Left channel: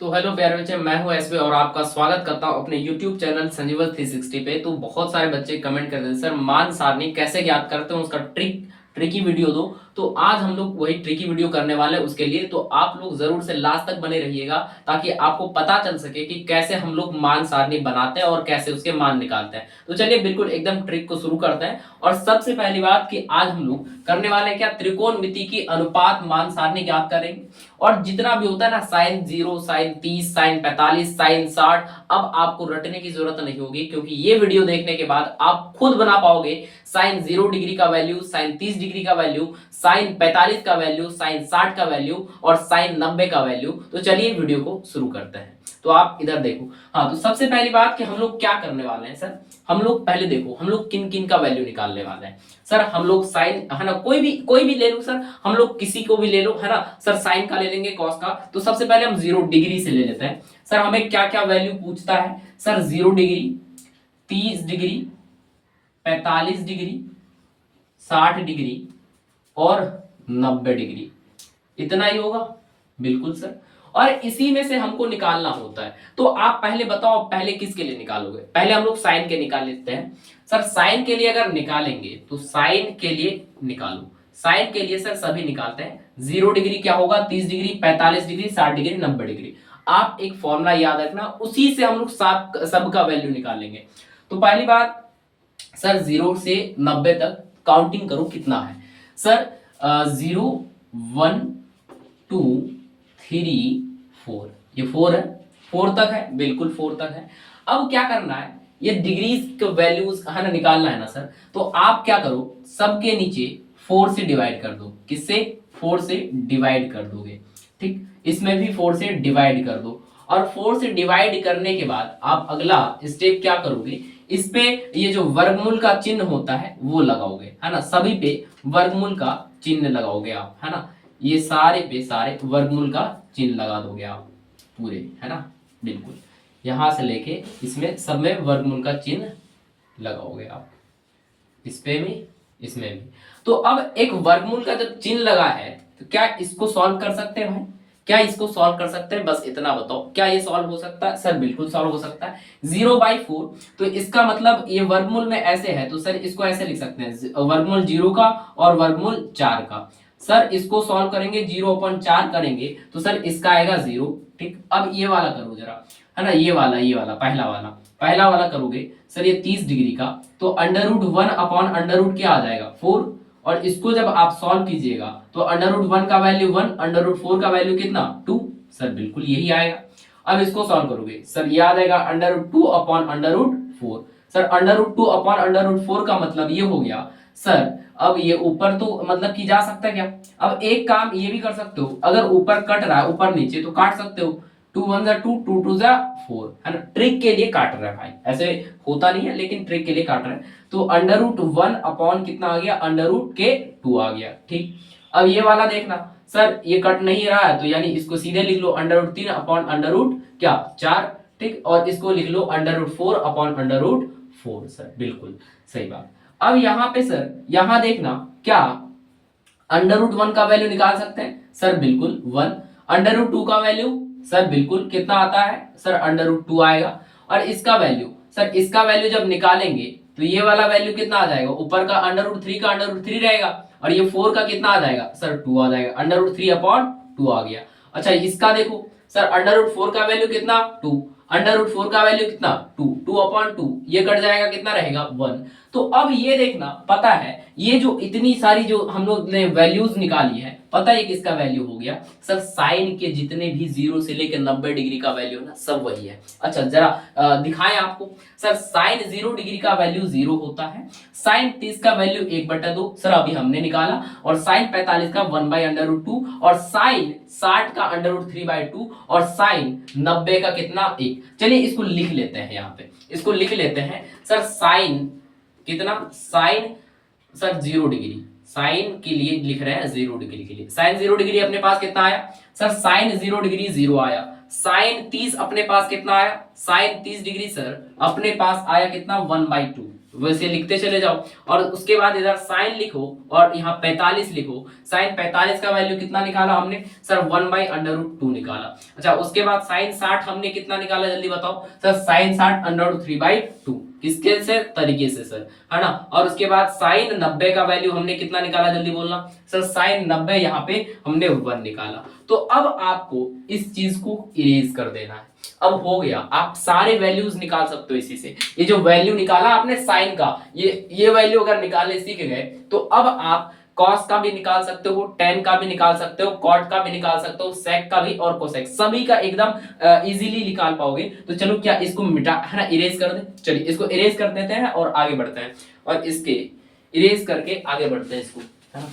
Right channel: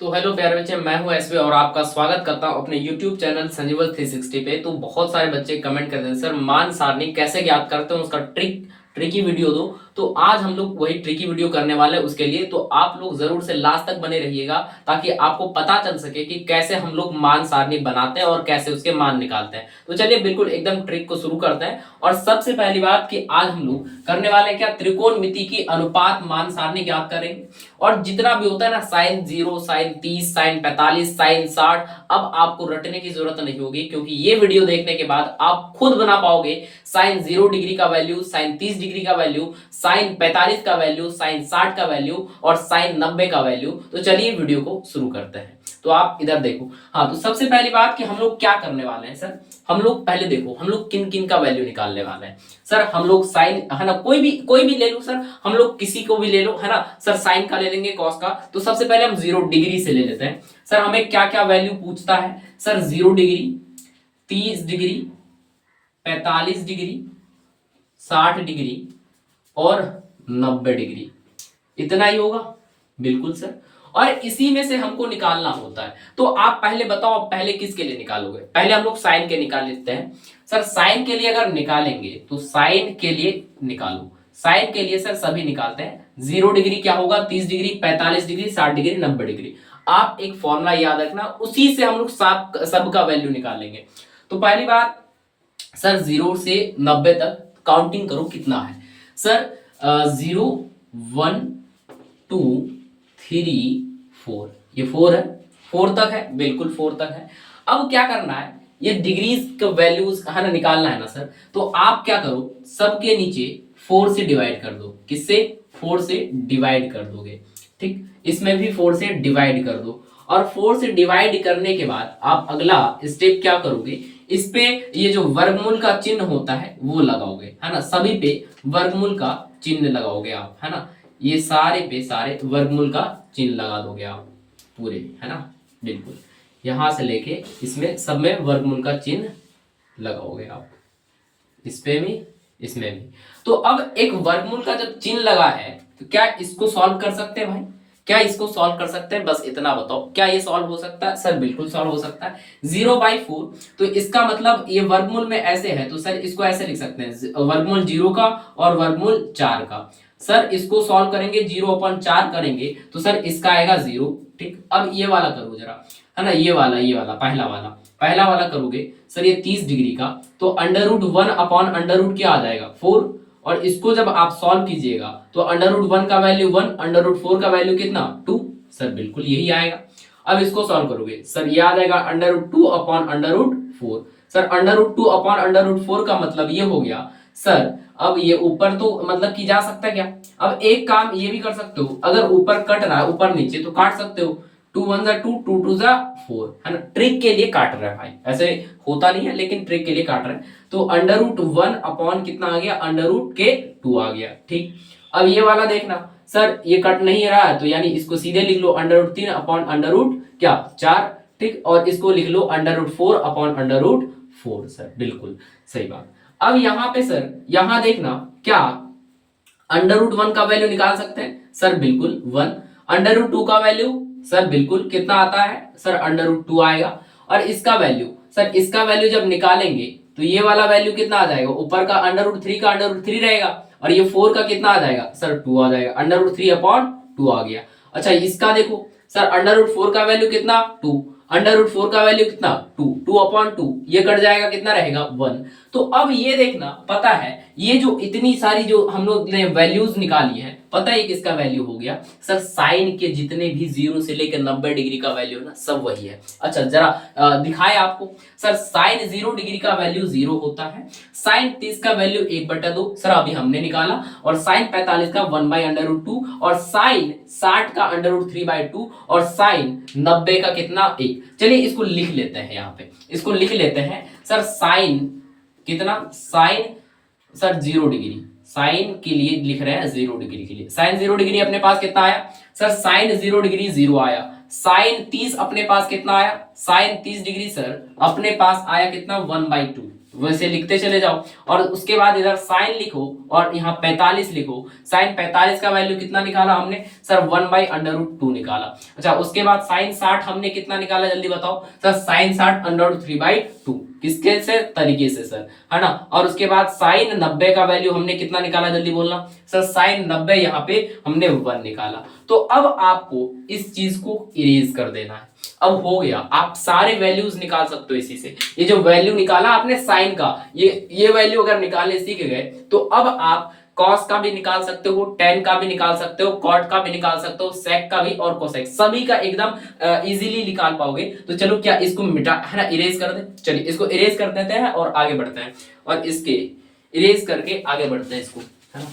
तो हेलो प्यारे बच्चे, मैं हूं एसवी और आपका स्वागत करता हूं अपने YouTube चैनल संजीवल 360 पे। तो बहुत सारे बच्चे कमेंट करते हैं सर मान सारणी कैसे ज्ञात करते हैं, उसका ट्रिकी वीडियो दो। तो आज हम लोग वही ट्रिकी वीडियो करने वाले हैं उसके लिए। तो आप लोग जरूर से लास्ट तक बने रहिएगा ताकि आपको पता चल सके कि कैसे हम लोग मान सारणी बनाते हैं और कैसे उसके मान निकालते हैं। तो चलिए बिल्कुल एकदम ट्रिक को शुरू करते हैं। और सबसे पहली बात कि आज हम लोग करने वाले हैं क्या, त्रिकोणमिति की अनुपात मान सारणी ज्ञात करेंगे। और जितना भी होता है ना, साइन 0, साइन 30, साइन 45, साइन 60, अब आपको रटने की जरूरत नहीं होगी क्योंकि ये वीडियो देखने के बाद आप खुद बना पाओगे। साइन 0 डिग्री का वैल्यू, साइन 30 डिग्री का वैल्यू, साइन 45 का वैल्यू, साइन 60 का वैल्यू और साइन 90 का वैल्यू। तो चलिए वीडियो को शुरू करते हैं। तो आप इधर देखो। हाँ, तो सबसे पहली बात कि हम लोग क्या करने वाले हैं सर, हम लोग पहले देखो हम लोग किन किन का वैल्यू निकालने वाले हैं। सर हम लोग साइन है ना, कोई भी ले लो सर, हम लोग किसी को भी ले लो है ना। सर साइन का ले लेंगे, कॉस का। तो सबसे पहले हम 0 डिग्री से ले लेते हैं। सर हमें क्या क्या वैल्यू पूछता है sir, 0 degree, 30 degree, 45 degree, 60 degree और 90 डिग्री। इतना ही होगा, बिल्कुल सर। और इसी में से हमको निकालना होता है। तो आप पहले बताओ, पहले किसके लिए निकालोगे? पहले हम लोग साइन के निकाल लेते हैं। सर साइन के लिए अगर निकालेंगे तो साइन के लिए निकालो। साइन के लिए सर सभी निकालते हैं। 0 डिग्री क्या होगा, 30 डिग्री, 45 डिग्री, 60 डिग्री, 90 डिग्री। आप एक फॉर्मूला याद रखना, उसी से हम लोग सबका वैल्यू निकालेंगे। तो पहली बात सर, 0 से 90 तक काउंटिंग करो कितना है। सर 0, 1, 2, 3, 4, ये 4 है, 4 तक है, बिल्कुल 4 तक है। अब क्या करना है, ये डिग्रीज के वैल्यूज है ना, निकालना है ना सर। तो आप क्या करो, सबके नीचे 4 से डिवाइड कर दो। किससे? 4 से डिवाइड कर दोगे। ठीक, इसमें भी 4 से डिवाइड कर दो। और 4 से डिवाइड करने के बाद आप अगला स्टेप क्या करोगे, इस पे ये जो वर्गमूल का चिन्ह होता है वो लगाओगे, है ना। सभी पे वर्गमूल का चिन्ह लगाओगे आप, है ना। ये सारे पे सारे वर्गमूल का चिन्ह लगा दोगे आप पूरे, है ना। बिल्कुल यहां से लेके इसमें सब में वर्गमूल का चिन्ह लगाओगे आप, इस पे भी, इसमें भी। तो अब एक वर्गमूल का जब चिन्ह लगा है तो क्या इसको सॉल्व कर सकते हैं भाई? क्या इसको सॉल्व कर सकते हैं? बस इतना बताओ, क्या ये सॉल्व हो सकता है? सर बिल्कुल सॉल्व हो सकता है। 0/4, तो इसका मतलब ये वर्गमूल में ऐसे है तो सर इसको ऐसे लिख सकते हैं, वर्गमूल 0 का और वर्गमूल 4 का। सर इसको सॉल्व करेंगे, 0/4 करेंगे तो सर इसका आएगा 0। ठीक, अब ये वाला करो जरा, है ना। ये वाला पहला वाला करोगे सर, ये 30 डिग्री का। तो अंडर रूट 1/अंडर रूट क्या आ जाएगा, 4। और इसको जब आप सॉल्व कीजिएगा तो अंडर रूट 1 का वैल्यू 1, अंडर रूट 4 का वैल्यू कितना, 2। सर बिल्कुल यही आएगा। अब इसको सॉल्व करोगे सर, ये आ जाएगा अंडर रूट 2/अंडर रूट 4। सर अंडर रूट 2/अंडर रूट 4 का मतलब ये हो गया सर। अब ये ऊपर तो मतलब की जा सकता है क्या? अब एक काम ये भी कर सकते हो, अगर ऊपर कट रहा है ऊपर नीचे तो काट सकते हो। 2 1 जा 2, 2 2 जा 4, है ना। ट्रिक के लिए काट रहा है भाई, ऐसे होता नहीं है लेकिन ट्रिक के लिए काट रहा है। तो अंडर रूट 1 अपॉन कितना आ गया, अंडर रूट 2 आ गया। ठीक, अब ये वाला देखना सर, ये कट नहीं रहा है तो यानी इसको सीधे लिख लो, अंडर रूट 3/अंडर रूट 4। ठीक, और इसको लिख लो अंडर रूट 4/अंडर रूट 4। सर बिल्कुल सही बात। अब यहाँ पे सर, यहाँ देखना, क्या अंडर रूट 1 का वैल्यू निकाल सकते हैं? सर बिल्कुल 1। अंडर रूट 2 का वैल्यू सर बिल्कुल कितना आता है, सर अंडर रूट 2 आएगा। और इसका वैल्यू सर, इसका वैल्यू जब निकालेंगे तो ये वाला वैल्यू कितना आ जाएगा, ऊपर का अंडर रूट 3 का अंडर रूट 3 रहेगा और ये 4 का कितना आ जाएगा, सर 2 आ जाएगा। अंडर रूट 3/2 आ गया। अच्छा इसका देखो सर, अंडर रूट 4 का वैल्यू कितना, 2। अंडर रूट 4 का वैल्यू कितना, 2, 2/2, ये कट जाएगा, कितना रहेगा, 1। तो अब ये देखना, पता है ये जो इतनी सारी जो हम लोग ने वैल्यूज निकाली है, पता है किसका वैल्यू हो गया सर, साइन के जितने भी 0 से लेकर 90 डिग्री का वैल्यू ना, सब वही है। अच्छा जरा दिखाए आपको। सर साइन 0 डिग्री का वैल्यू 0 होता है, साइन 30 का वैल्यू 1/2 सर अभी हमने निकाला, और साइन 45 का 1/अंडर रूट 2, और साइन 60 का अंडर रूट 3/2, और साइन 90 का कितना, 1। चलिए इसको लिख लेते हैं, यहाँ पे इसको लिख लेते हैं सर। साइन कितना, साइन सर 0 डिग्री, साइन के लिए लिख रहे हैं 0 डिग्री के लिए। साइन 0 डिग्री अपने पास कितना आया सर, साइन 0 डिग्री 0 आया। साइन 30 अपने पास कितना आया, साइन 30 डिग्री सर अपने पास आया कितना, 1/2। वैसे लिखते चले जाओ। और उसके बाद इधर साइन लिखो और यहाँ 45 लिखो। साइन 45 का वैल्यू कितना निकाला हमने सर 1/√2 निकाला। अच्छा उसके बाद साइन 60 हमने कितना निकाला जल्दी बताओ सर साइन 60 √3/2 किसके से तरीके से सर है ना। और उसके बाद साइन 90 का वैल्यू हमने कितना निकाला जल्दी बोलना सर साइन 90 यहाँ पे हमने 1 निकाला। तो अब आपको इस चीज को इरेज कर देना है। अब हो गया, आप सारे वैल्यूज निकाल सकते हो इसी से। ये जो वैल्यू निकाला आपने साइन का, ये वैल्यू अगर निकालने सीख गए तो अब आप कॉस का भी निकाल सकते हो, टेन का भी निकाल सकते हो, कॉट का भी निकाल सकते हो, सेक का भी और कोसेक सभी का एकदम इजीली निकाल पाओगे। तो चलो क्या इसको मिटा है ना, इरेज कर दे। चलिए इसको इरेज कर देते हैं और आगे बढ़ते हैं, और इसके इरेज करके आगे बढ़ते हैं इसको, है ना।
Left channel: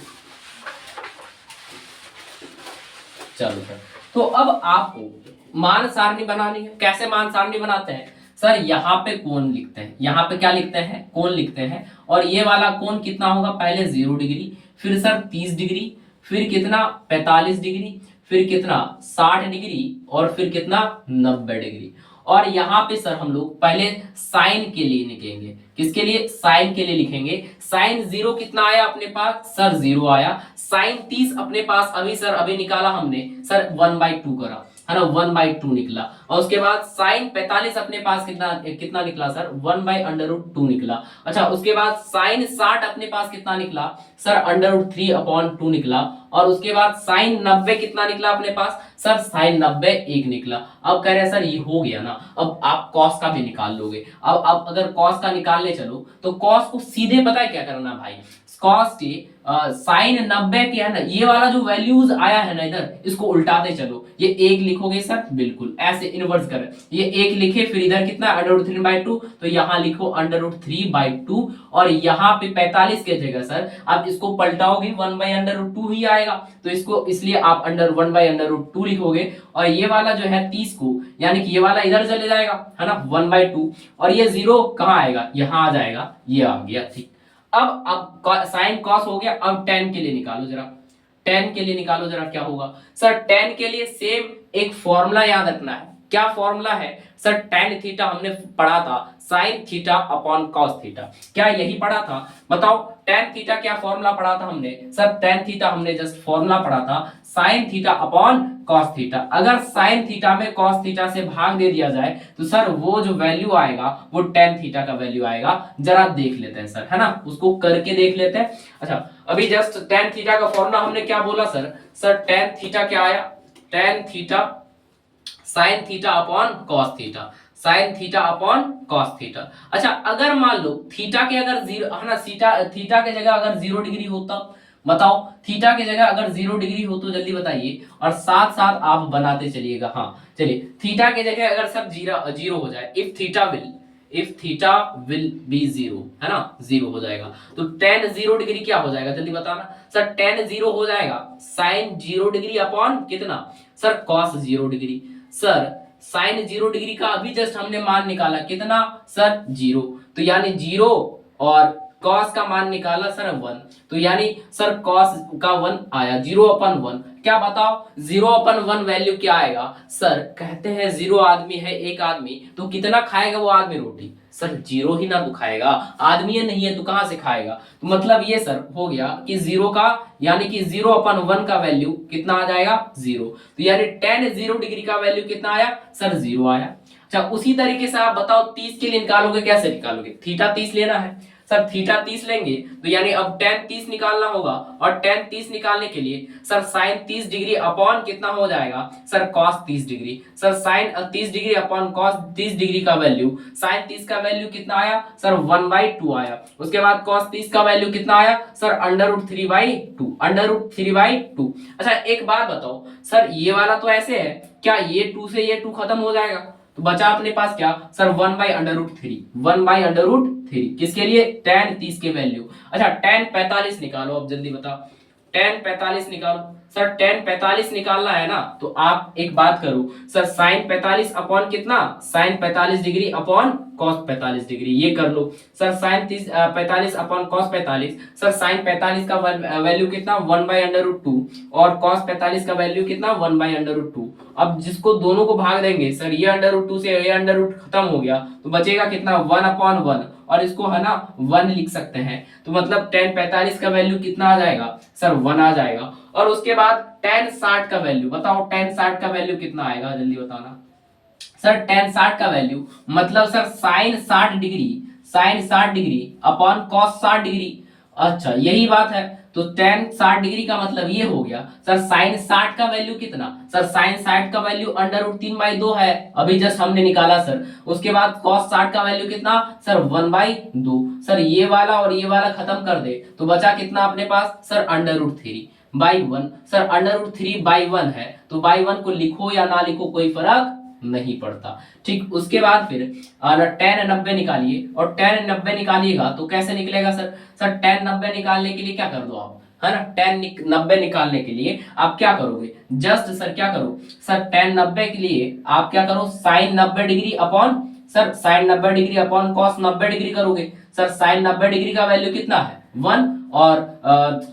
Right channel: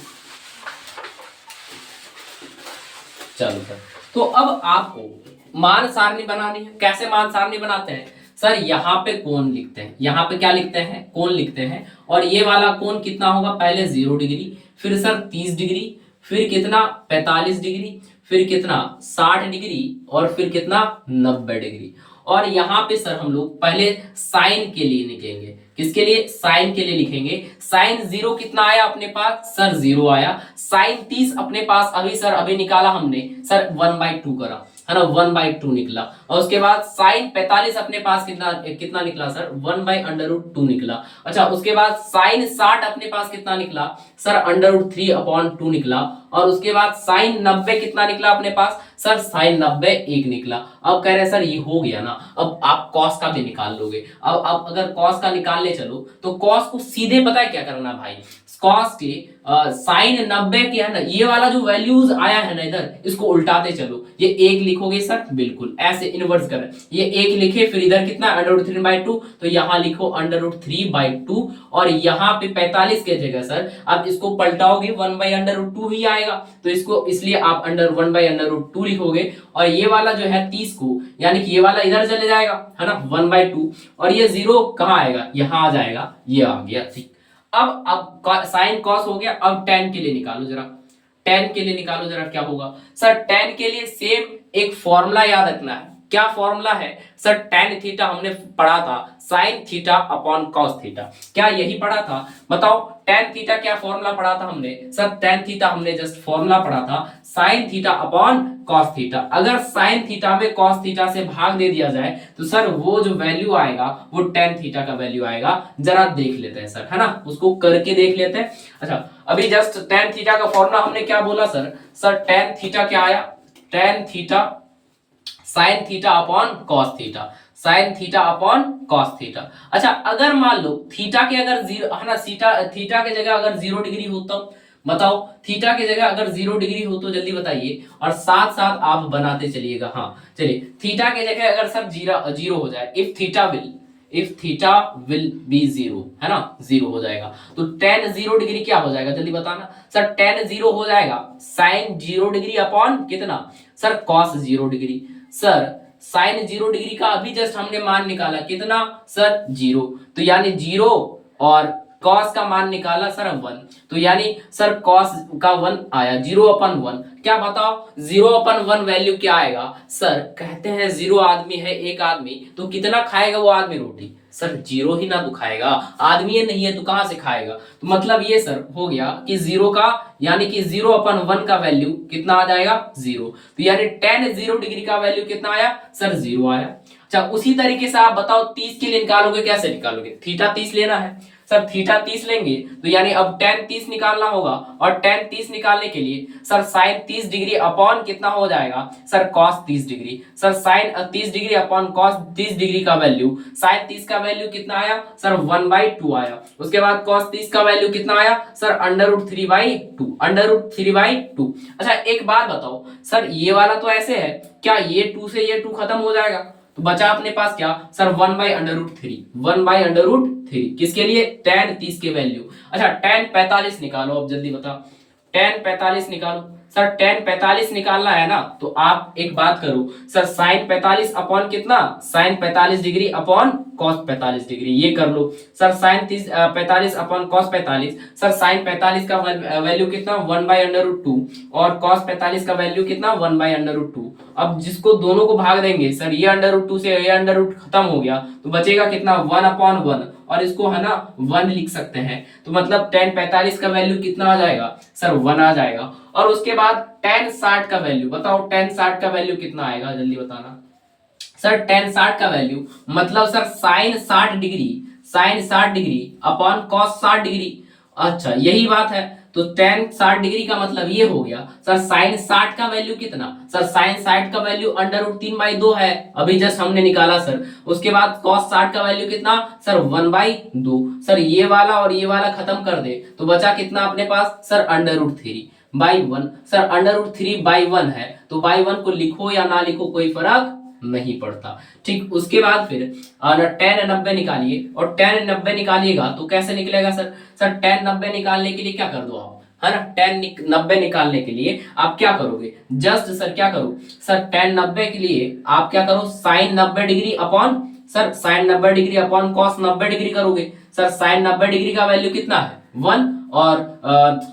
चलो सर, तो अब आपको मान सारणी बनानी है। कैसे मान सारणी बनाते हैं सर, यहाँ पे कोण लिखते हैं, यहाँ पे क्या लिखते हैं कोण लिखते हैं। और ये वाला कोण कितना होगा, पहले 0 डिग्री, फिर सर 30 डिग्री, फिर कितना 45 डिग्री, फिर कितना 60 डिग्री, और फिर कितना 90 डिग्री। और यहाँ पे सर हम लोग पहले साइन के लिए लिखेंगे। किसके लिए, साइन के लिए लिखेंगे। साइन 0 कितना आया अपने पास सर 0 आया। साइन 30 अपने पास अभी निकाला हमने सर 1/2 करा, है ना, 1/2 निकला। और उसके बाद साइन 45 अपने पास कितना निकला सर 1/√2 निकला। अच्छा उसके बाद साइन 60 अपने पास कितना निकला सर √3/2 निकला। और उसके बाद साइन 90 कितना निकला अपने पास सर साइन 90 1 निकला। अब कह रहे हैं सर ये हो गया ना, अब आप कॉस का भी निकाल लोगे। अब अगर कॉस का निकालने चलो तो कॉस को सीधे पता है क्या करना भाई, कॉस के साइन 90 के है ना, ये वाला जो वैल्यूज आया है ना इधर, इसको उल्टाते चलो। ये 1 लिखोगे सर, बिल्कुल ऐसे इनवर्स कर, ये 1 लिखे, फिर इधर कितना √3/2, तो यहाँ लिखो √3/2। और यहाँ पे 45 के जगह सर आप इसको पलटाओगे 1/√2 ही आएगा, तो इसको इसलिए आप 1/√2 लिखोगे। और ये वाला जो है 30 को, यानी कि ये वाला इधर चले जाएगा, है ना 1/2, और ये 0 कहाँ आएगा, यहाँ आ जाएगा, ये आ गया। ठीक, अब साइन कॉस हो गया। अब टेन के लिए निकालो जरा, टेन के लिए निकालो जरा क्या होगा सर। टेन के लिए सेम एक फॉर्मूला याद रखना है। क्या फॉर्मूला है सर, टेन थीटा हमने पढ़ा था sine theta upon cos theta, क्या यही पढ़ा था बताओ। टेन थीटा क्या फॉर्मूला पढ़ा था हमने सर, टेन थीटा हमने जस्ट फॉर्मूला पढ़ा था sine theta upon cos theta. अगर साइन थीटा में कॉस थीटा से भाग दे दिया जाए तो सर वो जो वैल्यू आएगा वो टेन थीटा का वैल्यू आएगा। जरा देख लेते हैं सर, है ना, उसको करके देख लेते हैं। अच्छा अभी जस्ट टेन थीटा का फॉर्मूला हमने क्या बोला सर टेन थीटा क्या आया, tan theta sine theta upon cos theta, sine theta upon cos theta. अच्छा अगर मान लो थीटा के अगर 0 है ना, थीटा के जगह अगर 0 डिग्री हो तब बताओ, थीटा के जगह अगर 0 डिग्री हो तो जल्दी बताइए, और साथ साथ आप बनाते चलिएगा। हाँ चलिए, थीटा के जगह अगर सर 0 हो जाए, इफ थीटा विल बी 0, है ना 0 हो जाएगा, तो tan 0 डिग्री क्या हो जाएगा जल्दी बताना सर। tan 0 हो जाएगा साइन 0 डिग्री अपॉन कितना sir cos 0 degree. Sir sine 0 degree का अभी जस्ट हमने मान निकाला कितना सर 0, तो यानी 0, और कॉस का मान निकाला सर 1, तो यानी सर कॉस का 1 आया 0/1। क्या बताओ 0/1 वैल्यू क्या आएगा सर, कहते हैं 0 आदमी है, एक आदमी, तो कितना खाएगा वो आदमी रोटी सर 0 ही ना तो खाएगा, आदमी नहीं है तो कहां से खाएगा। तो मतलब ये सर हो गया कि 0 का, यानी कि 0/1 का वैल्यू कितना आ जाएगा 0, तो यानी tan 0 डिग्री का वैल्यू कितना आया सर 0 आया। अच्छा उसी तरीके से आप बताओ 30 के लिए निकालोगे, कैसे निकालोगे, थीटा 30 लेना है सर, थीटा 30 लेंगे तो यानी अब tan 30 निकालना होगा, और tan 30 निकालने के लिए सर साइन 30 डिग्री अपॉन कितना हो जाएगा sir cos 30 degree. Sir sine 30 degree upon cos 30 degree का वैल्यू, साइन 30 का वैल्यू कितना आया सर 1/2 आया। उसके बाद cos 30 का वैल्यू कितना आया सर √3/2। अच्छा एक बात बताओ सर, ये वाला तो ऐसे है, क्या ये 2 से ये 2 खत्म हो जाएगा, तो बचा अपने पास क्या सर 1/√3 किसके लिए, tan 30 के वैल्यू। अच्छा tan 45 निकालो, अब जल्दी बताओ tan 45 निकालो सर। tan 45 निकालना है ना, तो आप एक बात करो सर, साइन 45 अपॉन कितना sine 45 degree upon cos 45 degree, ये कर लो sir. Sine 45 upon cos 45, sir sine 45 का वैल्यू कितना 1/√2, और कॉस 45 का वैल्यू कितना 1/√2। अब जिसको दोनों को भाग देंगे सर, ये √2 से ये √ खत्म हो गया, तो बचेगा कितना 1/1, और इसको है ना 1 लिख सकते हैं। तो मतलब tan 45 का वैल्यू कितना आ जाएगा सर 1 आ जाएगा। और उसके बाद tan 60 का वैल्यू बताओ, tan 60 का वैल्यू कितना आएगा जल्दी बताना सर। tan 60 का वैल्यू मतलब sir sin 60 degree upon cos 60 degree. अच्छा यही बात है, तो tan 60 डिग्री का मतलब ये हो गया सर sin 60 का वैल्यू कितना सर, sin 60 का वैल्यू √3/2 है, अभी जस्ट हमने निकाला सर। उसके बाद cos 60 का वैल्यू कितना सर 1/2। सर ये वाला और ये वाला खत्म कर दे तो बचा कितना अपने पास सर √3/1। सर √3/1 है तो बाई 1 को लिखो या ना लिखो कोई फर्क नहीं पड़ता। ठीक, उसके बाद फिर tan 90 निकालिए, और tan 90 निकालिएगा तो कैसे निकलेगा सर। सर tan 90 निकालने के लिए क्या कर दो आप, है ना, tan 90 निकालने के लिए आप क्या करोगे, जस्ट सर क्या करो सर tan 90 के लिए आप क्या करो sin 90 degree upon sir sin 90 degree upon cos 90 degree करोगे। सर sin 90 डिग्री का वैल्यू कितना है 1, और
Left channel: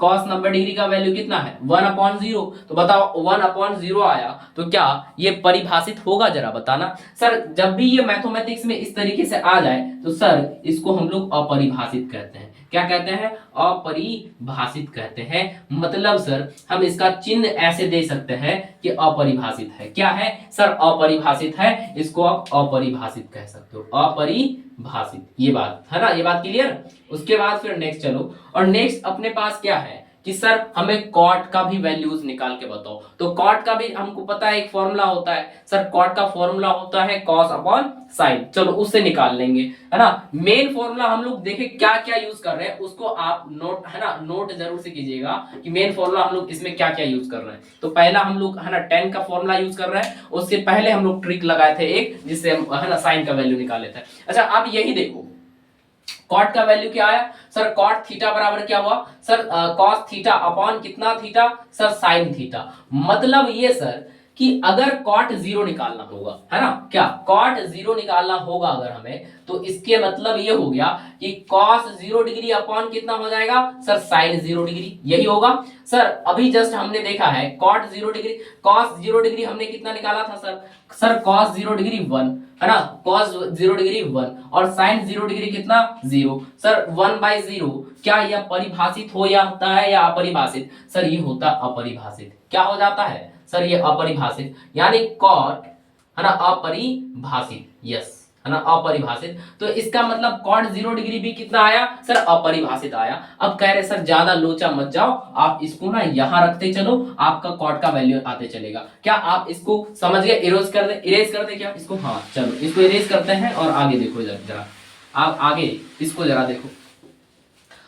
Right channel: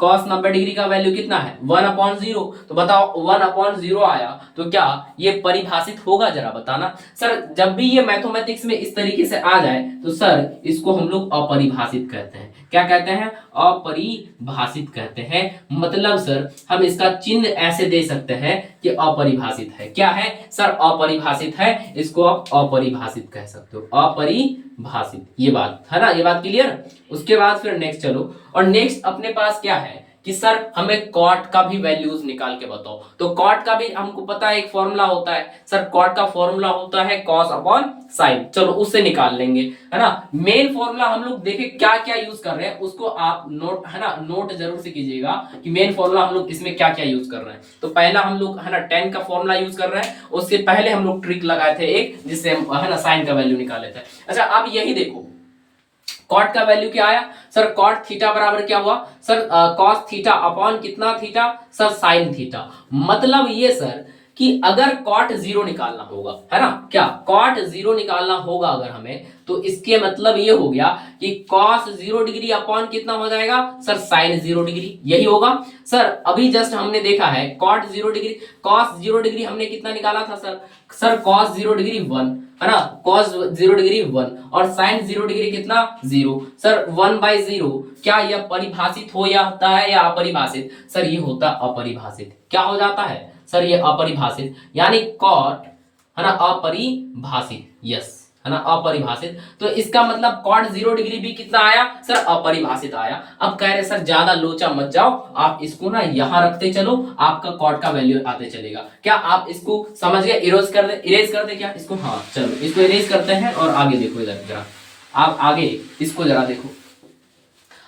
cos 90 डिग्री का वैल्यू कितना है 1/0। तो बताओ 1/0 आया तो क्या ये परिभाषित होगा, जरा बताना सर। जब भी ये मैथमेटिक्स में इस तरीके से आ जाए तो सर इसको हम लोग अपरिभाषित कहते हैं। क्या कहते हैं, अपरिभाषित कहते हैं। मतलब सर हम इसका चिन्ह ऐसे दे सकते हैं कि अपरिभाषित है। क्या है सर, अपरिभाषित है, इसको आप अपरिभाषित कह सकते हो, अपरिभाषित। ये बात है ना, ये बात क्लियर। उसके बाद फिर नेक्स्ट चलो, और नेक्स्ट अपने पास क्या है कि सर हमें कॉट का भी वैल्यूज निकाल के बताओ। तो कॉट का भी हमको पता है एक फॉर्मूला होता है सर, कॉट का फॉर्मूला होता है cos अपॉन साइन। चलो उससे निकाल लेंगे, है ना। मेन फॉर्मूला हम लोग देखें क्या क्या यूज कर रहे हैं, उसको आप नोट, है ना, नोट जरूर से कीजिएगा कि मेन फॉर्मूला हम लोग इसमें क्या क्या यूज कर रहे हैं। तो पहला हम लोग है ना tan का फॉर्मूला यूज कर रहे हैं, उससे पहले हम लोग ट्रिक लगाए थे एक, जिससे हम है ना साइन का वैल्यू निकाले थे। अच्छा अब यही देखो कॉट का वैल्यू क्या आया सर, कॉट थीटा बराबर क्या हुआ सर कॉस थीटा अपॉन कितना थीटा सर साइन थीटा। मतलब ये सर कि अगर कॉट 0 निकालना होगा, है ना, क्या कॉट 0 निकालना होगा अगर हमें, तो इसके मतलब ये हो गया कि cos 0 डिग्री अपॉन कितना हो जाएगा सर sin 0 डिग्री, यही होगा सर। अभी जस्ट हमने देखा है cos 0 डिग्री हमने कितना निकाला था सर cos 0 डिग्री 1, है ना, cos 0 डिग्री 1 और sin 0 डिग्री कितना 0। सर 1/0 क्या यह परिभाषित हो जाता है या अपरिभाषित सर, ये होता अपरिभाषित। क्या हो जाता है सर, ये अपरिभाषित, यानी कॉट है ना अपरिभाषित, यस है ना अपरिभाषित। तो इसका मतलब cot 0 डिग्री भी कितना आया सर अपरिभाषित आया। अब कह रहे सर ज्यादा लोचा मत जाओ, आप इसको ना यहां रखते चलो, आपका cot का वैल्यू आते चलेगा। क्या आप इसको समझ गए, इरेज कर दे क्या इसको, हाँ चलो इसको इरेज करते हैं और आगे देखो इधर जरा, आप आगे इसको जरा देखो।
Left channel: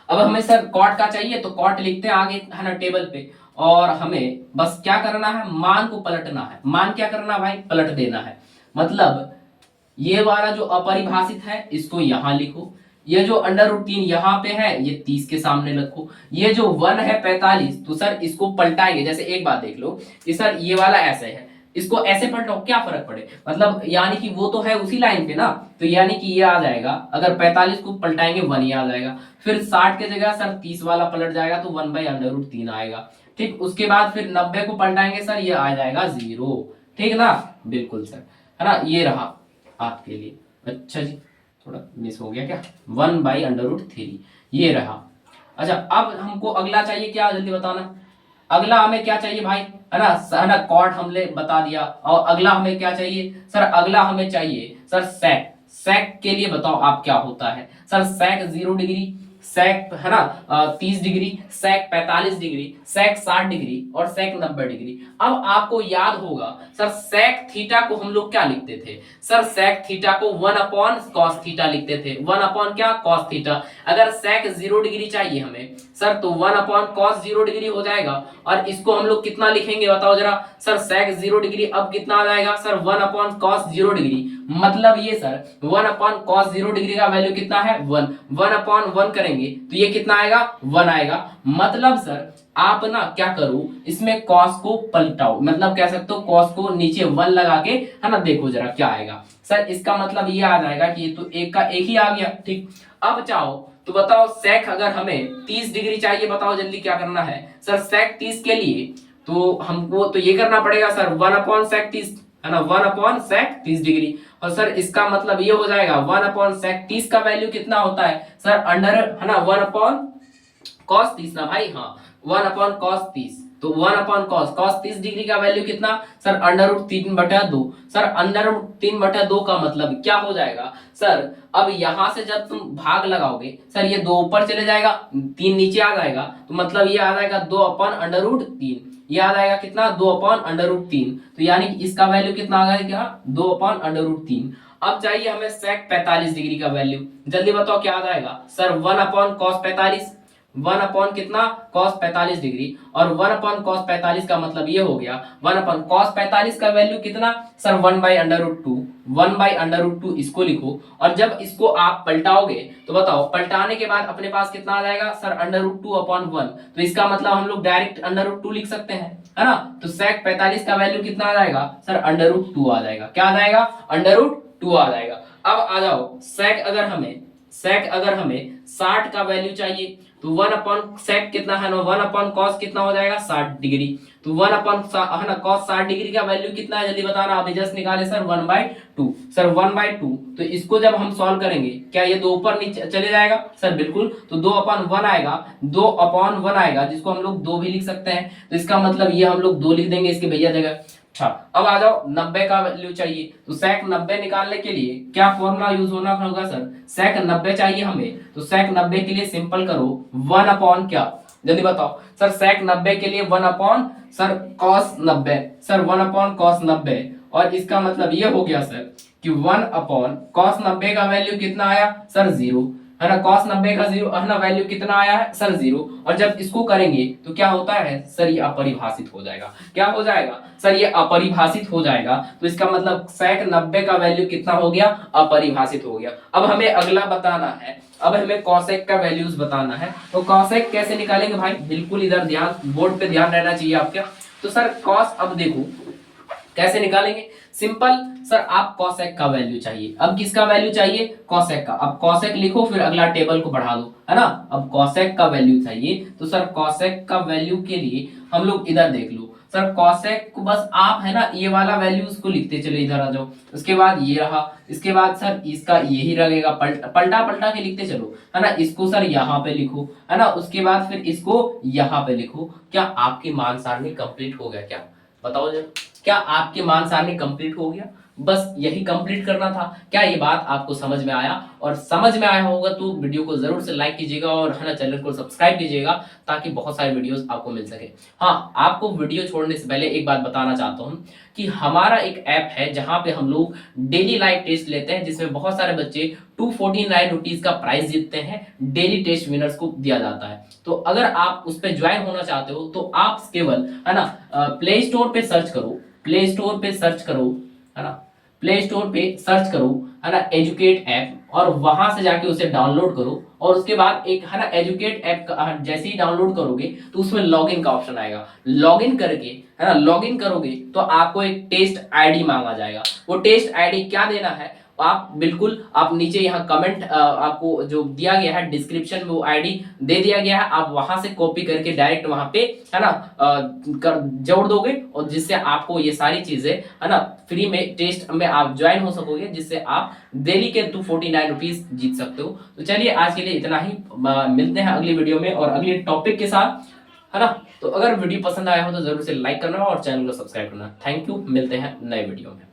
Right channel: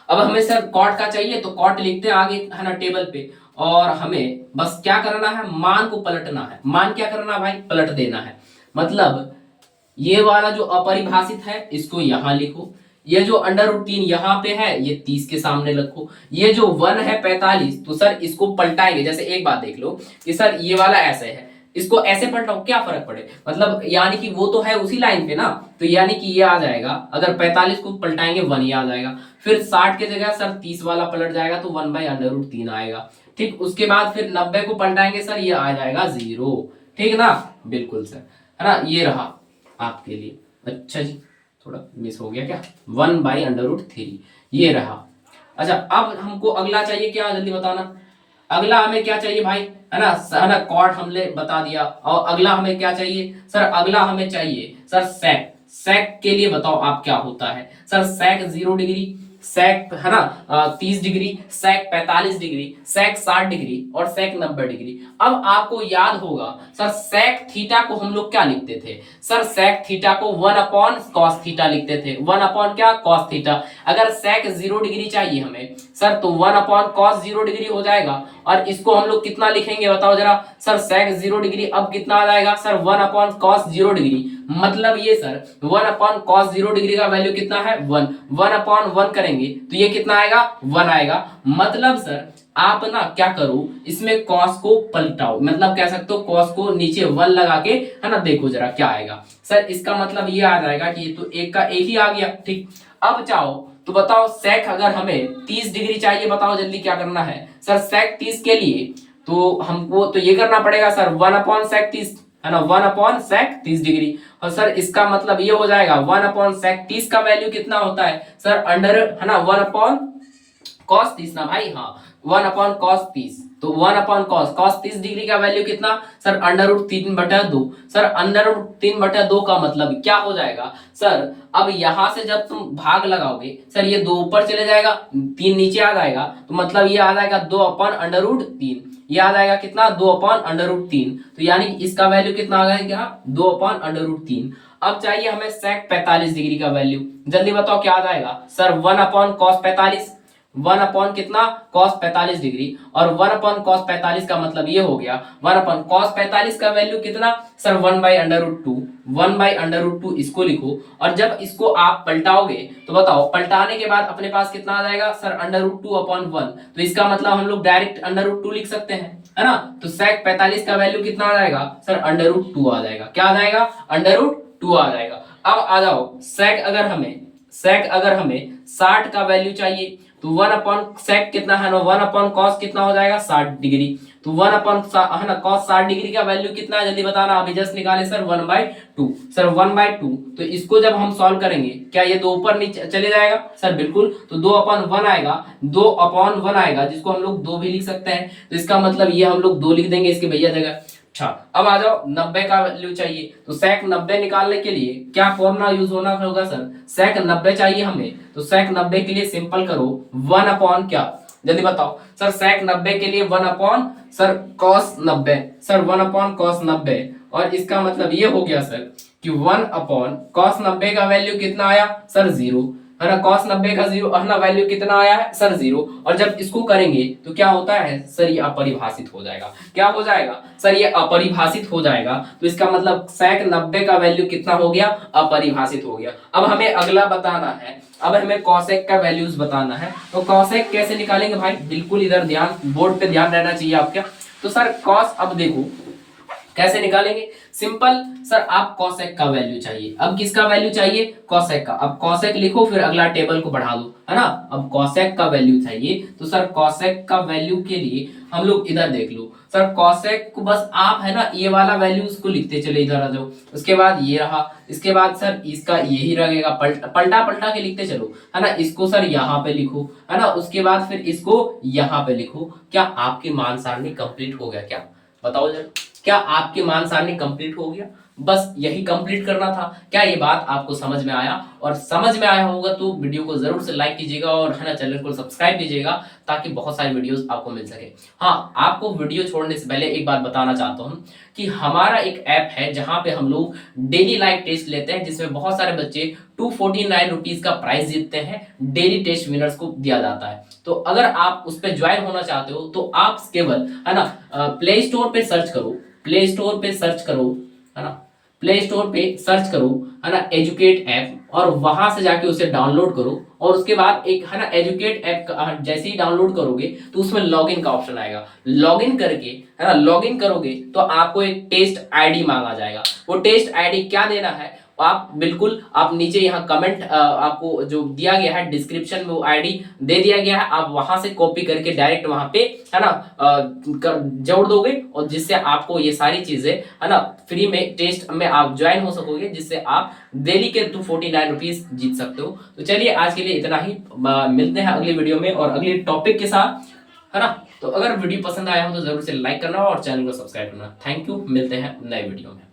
अब हमें सर cot का चाहिए तो cot लिखते हैं आगे, है ना, टेबल पे, और हमें बस क्या करना है, मान को पलटना है। मान क्या करना भाई, पलट देना है। मतलब ये वाला जो अपरिभाषित है इसको यहां लिखो, ये जो √3 यहाँ पे है ये 30 के सामने रखो, ये जो 1 है 45, तो सर इसको पलटाएंगे। जैसे एक बात देख लो कि सर ये वाला ऐसे है, इसको ऐसे पलटाओ क्या फर्क पड़े, मतलब यानी कि वो तो है उसी लाइन पे ना, तो यानी कि ये आ जाएगा, अगर 45 को पलटाएंगे 1 ही आ जाएगा। फिर 60 के जगह सर 30 वाला पलट जाएगा तो 1/√3 आएगा। ठीक, उसके बाद फिर 90 को पलटाएंगे सर ये आ जाएगा 0। ठीक ना, बिल्कुल सर, है ना, ये रहा आपके लिए। अच्छा जी, थोड़ा मिस हो गया क्या, 1/√3 ये रहा। अच्छा अब हमको अगला चाहिए क्या, जल्दी बताना। अगला हमें क्या चाहिए भाई, है ना कॉट हमने बता दिया, और अगला हमें क्या चाहिए सर, अगला हमें चाहिए सर सेक। सेक के लिए बताओ आप क्या होता है सर, सेक 0 डिग्री, सेक है ना 30 डिग्री, सेक 45 डिग्री, सेक 60 डिग्री और सेक 90 डिग्री। अब आपको याद होगा सर सेक थीटा को हम लोग क्या लिखते थे सर, सेक थीटा को 1/cos थीटा लिखते थे, 1 क्या cos थीटा। अगर सेक 0 डिग्री चाहिए हमें सर तो 1/cos 0 डिग्री हो जाएगा, और इसको हम लोग कितना लिखेंगे बताओ जरा सर, सेक 0 डिग्री अब कितना आ जाएगा सर 1/cos 0 डिग्री। मतलब ये सर 1/cos 0 डिग्री का वैल्यू कितना है 1, 1/1 करेंगे तो ये कितना आएगा 1 आएगा। मतलब सर आप ना क्या करो, इसमें cos को पलटाओ, मतलब कह सकते हो cos को नीचे 1 लगा के, है ना, देखो जरा क्या आएगा सर। इसका मतलब ये आ जाएगा कि ये तो एक का एक ही आ गया। ठीक, अब चाहो तो बताओ सेक अगर हमें 30 डिग्री चाहिए, बताओ जल्दी क्या करना है सर, सेक 30 के लिए तो हमको तो ये करना पड़ेगा सर 1/sec 30, है ना 1/sec 30 डिग्री। और सर इसका मतलब ये हो जाएगा 1/sec 30 का वैल्यू कितना होता है सर अंडर, है ना 1/cos 30 ना भाई, हाँ 1/cos 30। तो 1/cos 30 डिग्री का वैल्यू कितना सर √3/2। सर √3/2 का मतलब क्या हो जाएगा सर, अब यहां से जब तुम भाग लगाओगे सर ये 2 ऊपर चले जाएगा, 3 नीचे आ जाएगा, तो मतलब ये आ जाएगा 2/√3। ये आ जाएगा कितना 2/√3। तो यानी इसका वैल्यू कितना आ जाएगा 2/√3। अब चाहिए हमें sec 45 डिग्री का वैल्यू, जल्दी बताओ क्या आ जाएगा सर 1/cos 45। 1 कितना cos 45 डिग्री, और 1/cos 45 का मतलब ये हो गया 1/cos 45 का वैल्यू कितना सर 1/√2। 1/√2 इसको लिखो, और जब इसको आप पलटाओगे तो बताओ पलटाने के बाद अपने पास कितना आ जाएगा सर √2/1। तो इसका मतलब हम लोग डायरेक्ट √2 लिख सकते हैं, है ना। तो sec 45 का वैल्यू कितना आ जाएगा सर √2 आ जाएगा। क्या आ जाएगा √2 आ जाएगा। अब आ जाओ sec अगर हमें 60 का वैल्यू चाहिए तो 1/sec कितना है ना 1/cos कितना हो जाएगा 60 डिग्री। तो 1/है ना cos 60 डिग्री का वैल्यू कितना है जल्दी बताना, अभी जस्ट निकाले सर 1/2। सर 1/2, तो इसको जब हम सॉल्व करेंगे क्या ये 2 ऊपर नीचे चले जाएगा सर, बिल्कुल। तो 2/1 आएगा, 2/1 आएगा, जिसको हम लोग 2 भी लिख सकते हैं। तो इसका मतलब ये हम लोग 2 लिख देंगे इसके भैया जगह। अच्छा अब आ जाओ 90 का वैल्यू चाहिए, तो sec 90 निकालने के लिए क्या फॉर्मूला यूज होना होगा सर, sec 90 चाहिए हमें, तो sec 90 के लिए सिंपल करो 1/ क्या, जल्दी बताओ सर sec 90 के लिए 1/ सर cos 90, सर 1/cos 90। और इसका मतलब ये हो गया सर कि 1/cos 90 का वैल्यू कितना आया सर 0, है ना। cos 90 का 0 है ना वैल्यू कितना आया है सर 0। और जब इसको करेंगे तो क्या होता है सर ये अपरिभाषित हो जाएगा। क्या हो जाएगा सर ये अपरिभाषित हो जाएगा। तो इसका मतलब sec 90 का वैल्यू कितना हो गया अपरिभाषित हो गया। अब हमें अगला बताना है, अब हमें cosec का वैल्यूज बताना है। तो cosec कैसे निकालेंगे भाई, बिल्कुल इधर ध्यान, बोर्ड पे ध्यान रहना चाहिए आपका। तो सर cos, अब देखो कैसे निकालेंगे, सिंपल सर आप cosec का वैल्यू चाहिए। अब किसका वैल्यू चाहिए cosec का। अब cosec लिखो फिर अगला टेबल को बढ़ा दो, है ना। अब cosec का वैल्यू चाहिए, तो सर cosec का वैल्यू के लिए हम लोग इधर देख लो सर cosec को बस आप है ना ये वाला वैल्यू उसको लिखते चले, इधर आ जाओ। उसके बाद ये रहा, इसके बाद सर इसका यही रहेगा, पलटा पलटा के लिखते चलो, है ना। इसको सर यहाँ पे लिखो, है ना। उसके बाद फिर इसको यहाँ पे लिखो। क्या आपकी मान सारणी कंप्लीट हो गया क्या, बताओ जरा, क्या आपकी मान सारणी कंप्लीट हो गया। बस यही कंप्लीट करना था। क्या ये बात आपको समझ में आया, और समझ में आया होगा तो वीडियो को जरूर से लाइक कीजिएगा और है ना चैनल को सब्सक्राइब कीजिएगा ताकि बहुत सारे वीडियोस आपको मिल सके। हाँ आपको वीडियो छोड़ने से पहले एक बात बताना चाहता हूँ कि हमारा एक ऐप है जहां पे हम लोग डेली लाइव टेस्ट लेते हैं, जिसमें बहुत सारे बच्चे 249 रुपीज का प्राइस जीतते हैं, डेली टेस्ट विनर्स को दिया जाता है। तो अगर आप उस पर ज्वाइन होना चाहते हो तो आप केवल है ना प्ले स्टोर पे सर्च करो, प्ले स्टोर पे सर्च करो, है ना, प्ले स्टोर पे सर्च करो, है ना एजुकेट ऐप, और वहां से जाके उसे डाउनलोड करो। और उसके बाद एक है ना एजुकेट ऐप जैसे ही डाउनलोड करोगे तो उसमें लॉगिन का ऑप्शन आएगा। लॉगिन करके है ना लॉगिन करोगे तो आपको एक टेस्ट आईडी मांगा जाएगा। वो टेस्ट आईडी क्या देना है आप बिल्कुल, आप नीचे यहाँ कमेंट आपको जो दिया गया है डिस्क्रिप्शन में वो आईडी दे दिया गया है, आप वहां से कॉपी करके डायरेक्ट वहां पे है ना जोड़ दोगे, और जिससे आपको ये सारी चीजें है ना फ्री में टेस्ट में आप ज्वाइन हो सकोगे, जिससे आप डेली के 249 रुपीज जीत सकते हो। तो चलिए आज के लिए इतना ही, मिलते हैं अगली वीडियो में और अगले टॉपिक के साथ, है ना। तो अगर वीडियो पसंद आया हो तो जरूर से लाइक करना और चैनल को सब्सक्राइब करना। थैंक यू, मिलते हैं नए वीडियो में।